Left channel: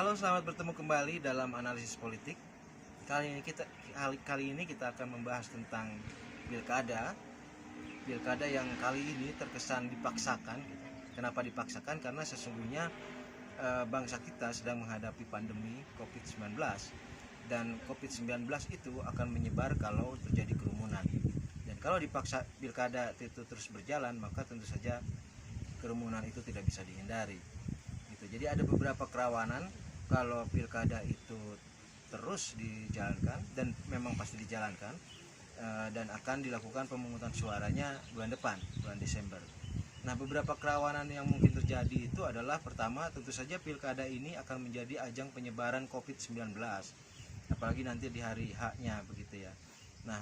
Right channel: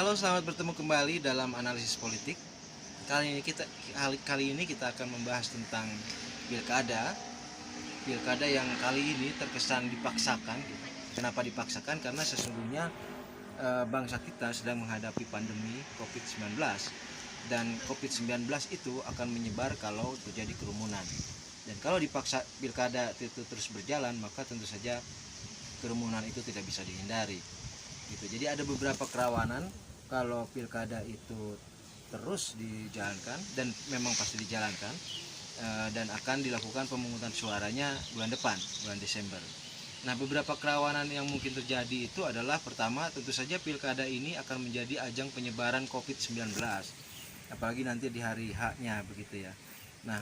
Halo, selamat bertemu kembali dalam analisis politik. Kali ini kita akan membahas tentang pilkada. Pilkada yang kali ini terkesan dipaksakan. Kenapa dipaksakan? Karena sesungguhnya bangsa kita sedang menghadapi pandemi COVID-19, dan COVID-19 itu akan menyebar kalau terjadi kerumunan. Dan kalau dipaksa pilkada itu terus berjalan, maka tentu saja kerumunan itu tidak bisa dihindari. Jadi ada beberapa kerawanan kalau pilkada itu terus dijalankan, dan memang pasti dijalankan, dan akan dilakukan pemungutan suaranya bulan depan, bulan Desember. Nah, beberapa kerawanan yang mungkin terjadi itu adalah, pertama, tentu saja pilkada ini akan menjadi ajang penyebaran COVID-19, apalagi nanti di hari H-nya begitu ya. Nah,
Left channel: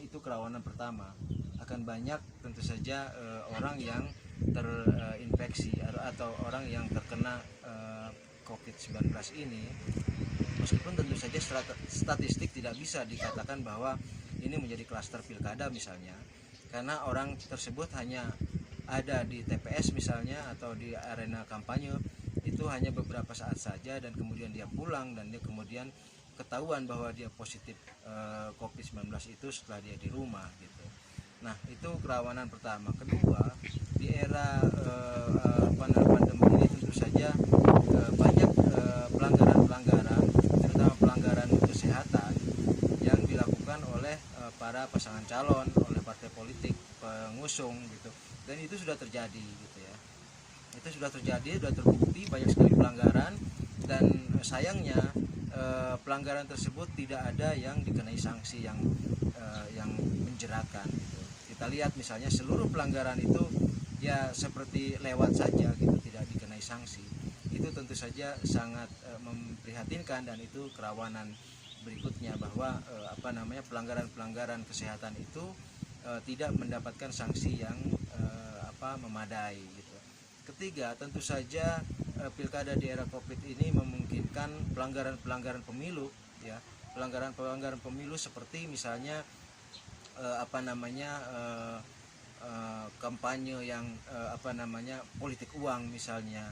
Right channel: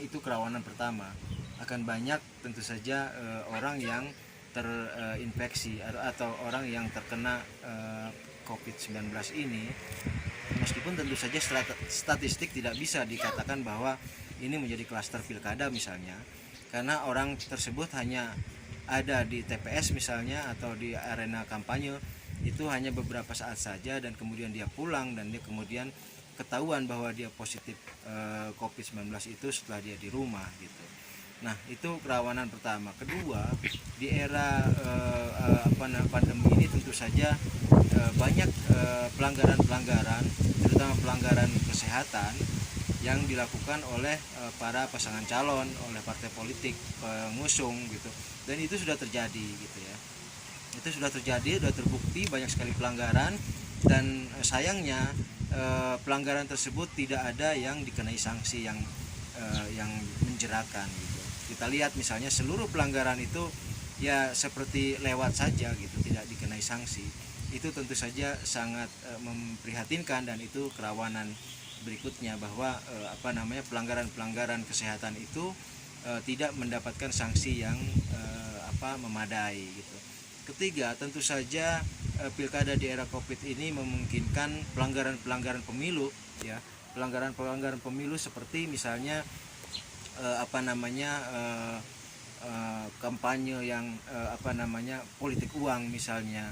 itu kerawanan pertama. Akan banyak tentu saja orang yang terinfeksi atau orang yang terkena COVID-19 ini, meskipun tentu saja statistik tidak bisa dikatakan bahwa ini menjadi klaster pilkada misalnya, karena orang tersebut hanya ada di TPS misalnya atau di arena kampanye itu hanya beberapa saat saja, dan kemudian dia pulang, dan dia kemudian ketahuan bahwa dia positif COVID-19 itu setelah dia di rumah gitu. Nah, itu kerawanan pertama. Kedua, di era pandemi ini tentu saja banyak pelanggaran-pelanggaran, terutama pelanggaran kesehatan yang dilakukan oleh para pasangan calon, oleh partai politik pengusung gitu. Dan itu sudah terjadi gitu ya. Itu sudah terjadi, sudah terbukti banyak sekali pelanggaran, dan sayangnya pelanggaran tersebut tidak ada yang dikenai sanksi yang menjerakan. Kita lihat misalnya seluruh pelanggaran itu ya seperti lewat saja gitu, tidak dikenai sanksi. Itu tentu saja sangat memprihatinkan, dan itu kerawanan berikutnya bahwa pelanggaran-pelanggaran kesehatan itu tidak mendapatkan sanksi yang memadai gitu. Ketiga, tentu saja pilkada di era Covid ini memungkinkan pelanggaran-pelanggaran pemilu ya. Pelanggaran-pelanggaran pemilu seperti misalnya kampanye yang politik uang misalnya.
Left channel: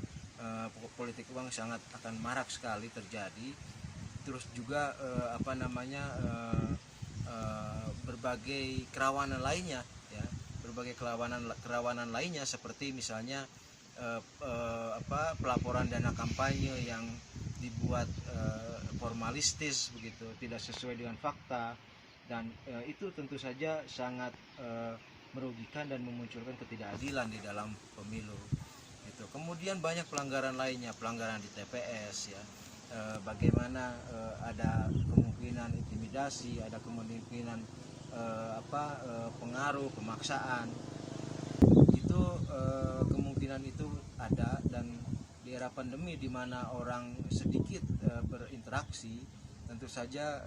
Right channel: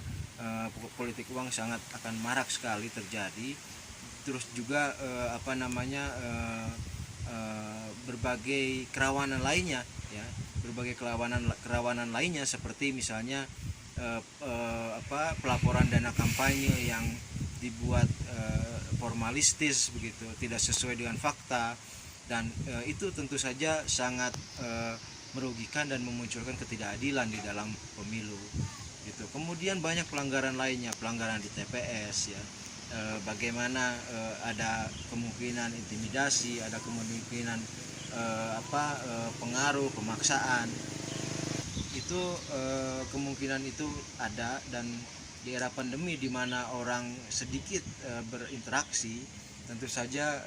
Politik uang sangat akan marak sekali terjadi. Terus juga berbagai kerawanan lainnya ya, kerawanan lainnya seperti misalnya pelaporan dana kampanye yang dibuat formalistis begitu, tidak sesuai dengan fakta, dan itu tentu saja sangat merugikan dan memunculkan ketidakadilan di dalam pemilu gitu. Kemudian banyak pelanggaran lainnya, pelanggaran di TPS ya, bagaimana ada kemungkinan intimidasi, ada kemungkinan pengaruh, pemaksaan, itu kemungkinan itu ada. Dan di era pandemi di mana orang sedikit berinteraksi, tentu saja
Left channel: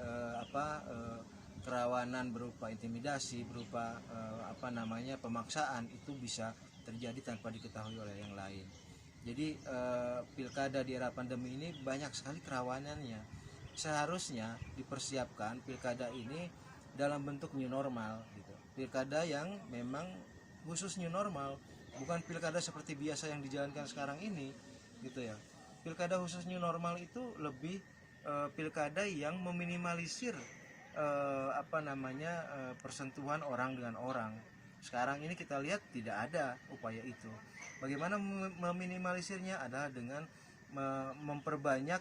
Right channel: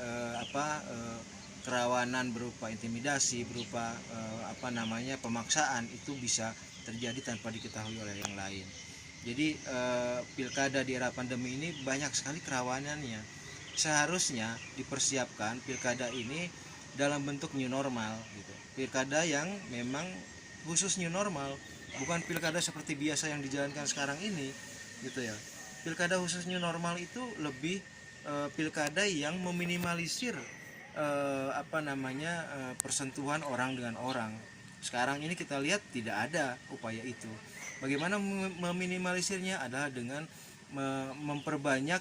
kerawanan berupa intimidasi, berupa pemaksaan itu bisa terjadi tanpa diketahui oleh yang lain. Jadi pilkada di era pandemi ini banyak sekali kerawanannya. Seharusnya dipersiapkan pilkada ini dalam bentuk new normal gitu. Pilkada yang memang khusus new normal, bukan pilkada seperti biasa yang dijalankan sekarang ini gitu ya. Pilkada khusus new normal itu lebih pilkada yang meminimalisir persentuhan orang dengan orang. Sekarang ini kita lihat tidak ada upaya itu. Bagaimana meminimalisirnya adalah dengan memperbanyak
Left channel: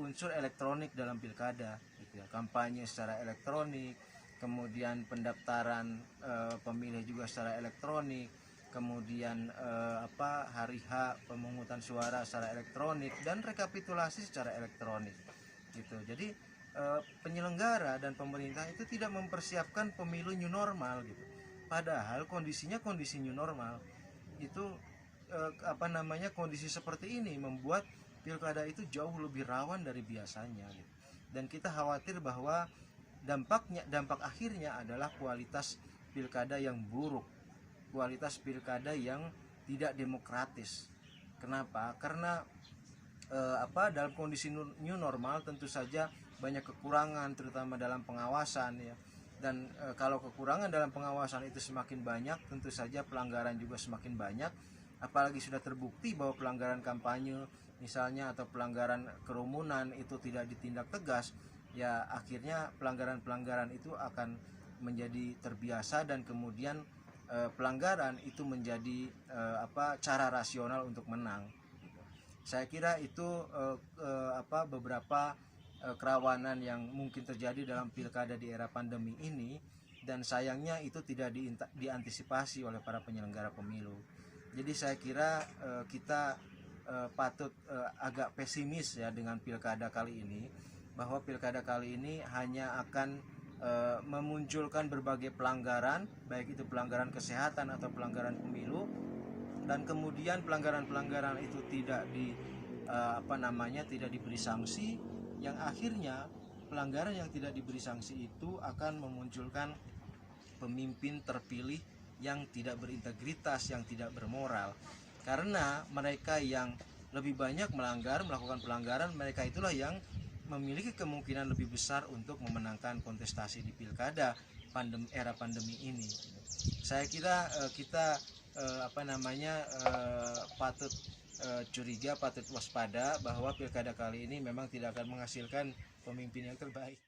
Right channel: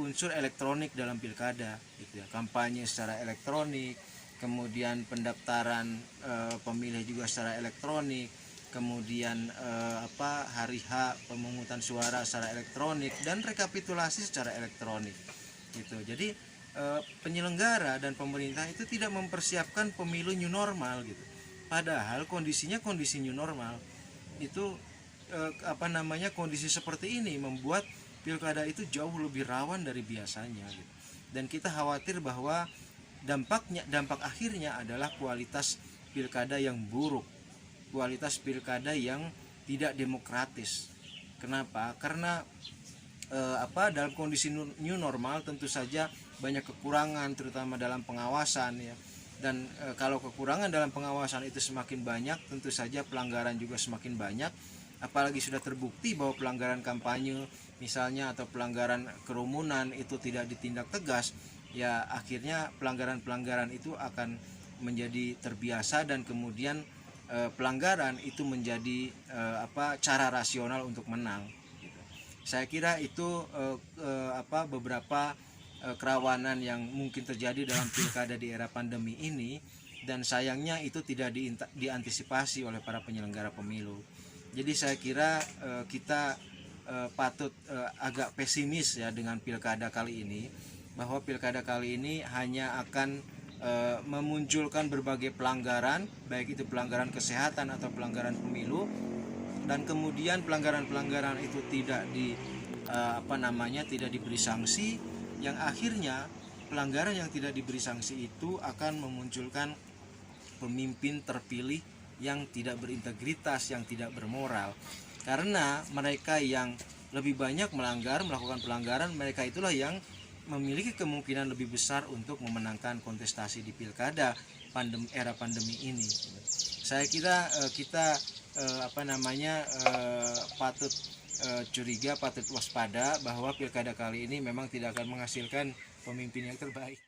unsur elektronik dalam pilkada gitu ya. Kampanye secara elektronik, kemudian pendaftaran pemilih juga secara elektronik, kemudian hari H pemungutan suara secara elektronik, dan rekapitulasi secara elektronik gitu. Jadi penyelenggara dan pemerintah itu tidak mempersiapkan pemilu new normal gitu. Padahal kondisinya kondisi new normal. Itu kondisi seperti ini membuat pilkada itu jauh lebih rawan dari biasanya gitu. Dan kita khawatir bahwa dampak akhirnya adalah kualitas pilkada yang buruk, kualitas pilkada yang tidak demokratis. Kenapa? Karena dalam kondisi new normal tentu saja banyak kekurangan, terutama dalam pengawasan ya. Dan kalau kekurangan dalam pengawasan itu semakin banyak, tentu saja pelanggaran juga semakin banyak. Apalagi sudah terbukti bahwa pelanggaran kampanye misalnya atau pelanggaran kerumunan itu tidak ditindak tegas, ya akhirnya pelanggaran-pelanggaran itu akan menjadi terbiasa dan kemudian pelanggaran itu menjadi cara rasional untuk menang. Saya kira itu beberapa kerawanan yang mungkin terjadi dalam pilkada di era pandemi ini, dan sayangnya itu tidak diantisipasi oleh para penyelenggara pemilu. Jadi saya kira kita patut agak pesimis ya dengan pilkada kali ini, bahwa pilkada kali ini hanya akan memunculkan berbagai pelanggaran, baik itu pelanggaran kesehatan atau pelanggaran pemilu, dan kemudian pelanggaran-pelanggaran itu tidak tidak diberi sanksi, yang akhirnya pelanggaran yang tidak diberi sanksi itu akan memunculkan pemimpin terpilih yang tidak berintegritas, yang tidak bermoral. Karena mereka yang lebih banyak melakukan pelanggaran, mereka itulah yang memiliki kemungkinan lebih besar untuk memenangkan kontestasi di pilkada era pandemi ini. Saya kira kita patut curiga, patut waspada bahwa pilkada kali ini memang tidak akan menghasilkan pemimpin yang terbaik.